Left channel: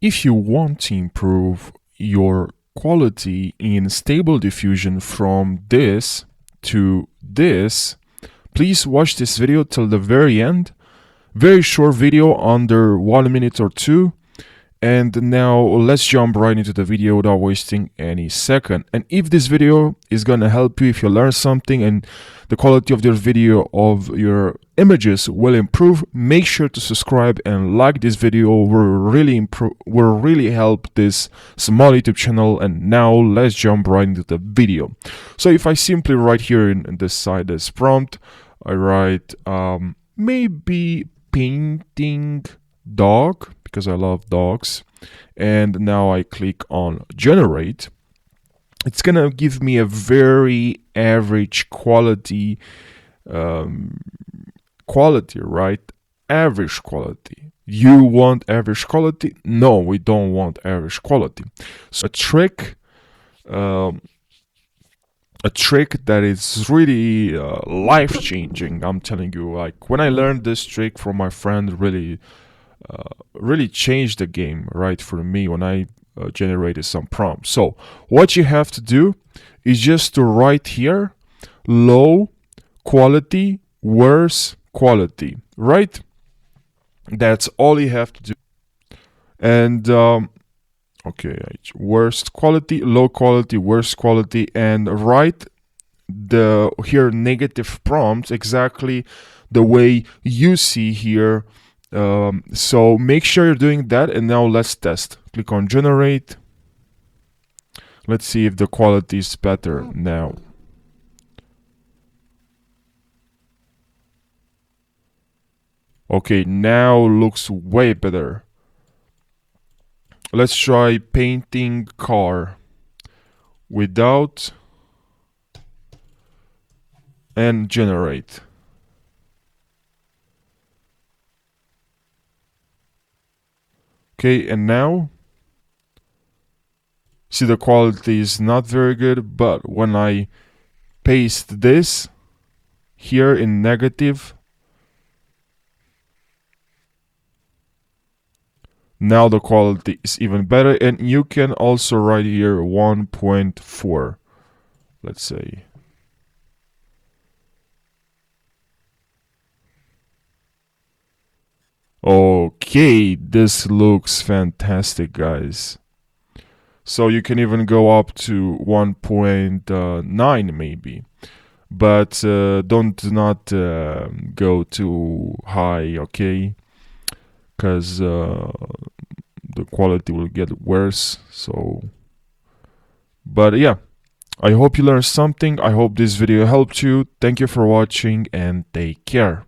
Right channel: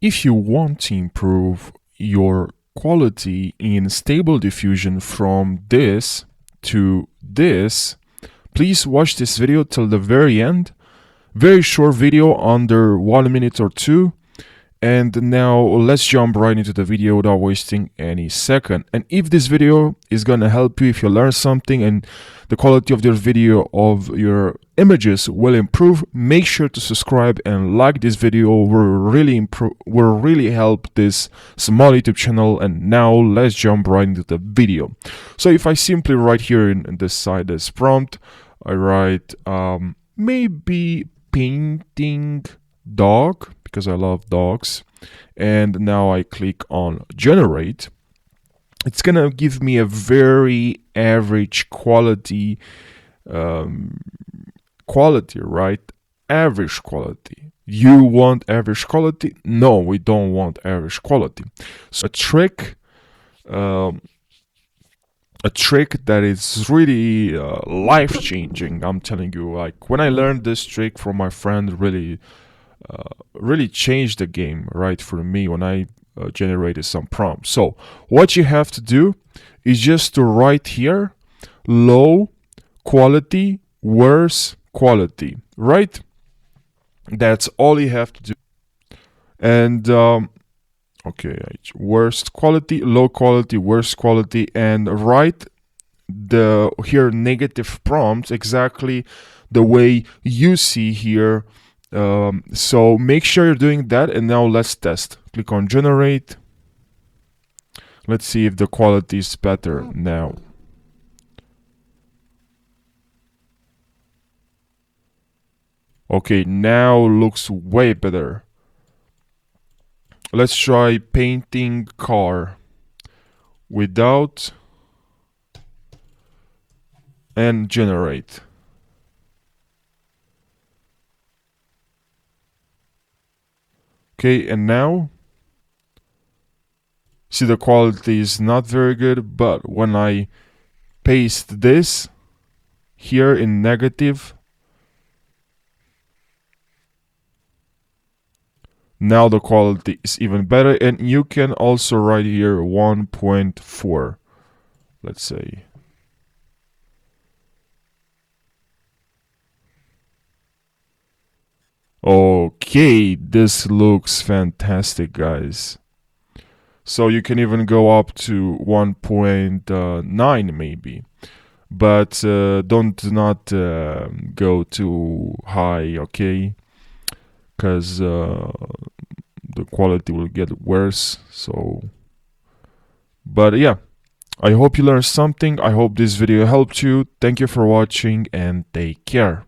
If you want to improve your quality in Stable Diffusion from this to this, please watch this video till the very end. Very short video, under 1 minute or two. And now let's jump right into the video without wasting any second. And if this video is gonna help you, if you learn something and the quality of your video, of your images will improve, make sure to subscribe and like this video. Will really help this small YouTube channel. And now let's jump right into the video. So if I simply write here in this side as prompt, I write maybe painting dog, because I love dogs, and now I click on generate. It's gonna give me a very average quality, right? Average quality. You want average quality? No, we don't want average quality. So a trick that is really life-changing. I'm telling you, like when I learned this trick from my friend, really changed the game, right, for me when I generated some prompts. So what you have to do is just to write here low quality, worse quality, right? That's all you have to do. And okay, worst quality, low quality, worst quality, and write the here negative prompts exactly the way you see here. So make sure you're doing that. And now let's test. Click on generate. Let's see if the quality is better now. Okay, now looks way better. Let's try painting car without and generate. Okay, and now see the quality is not very good, but when I paste this here in negative, now the quality is even better. And you can also write here 1.4, let's say. Okay, this looks fantastic, guys. So you can even go up to 1.9 maybe, but don't not go too high, okay? Because the quality will get worse. So, but yeah, I hope you learned something. I hope this video helped you. Thank you for watching and take care.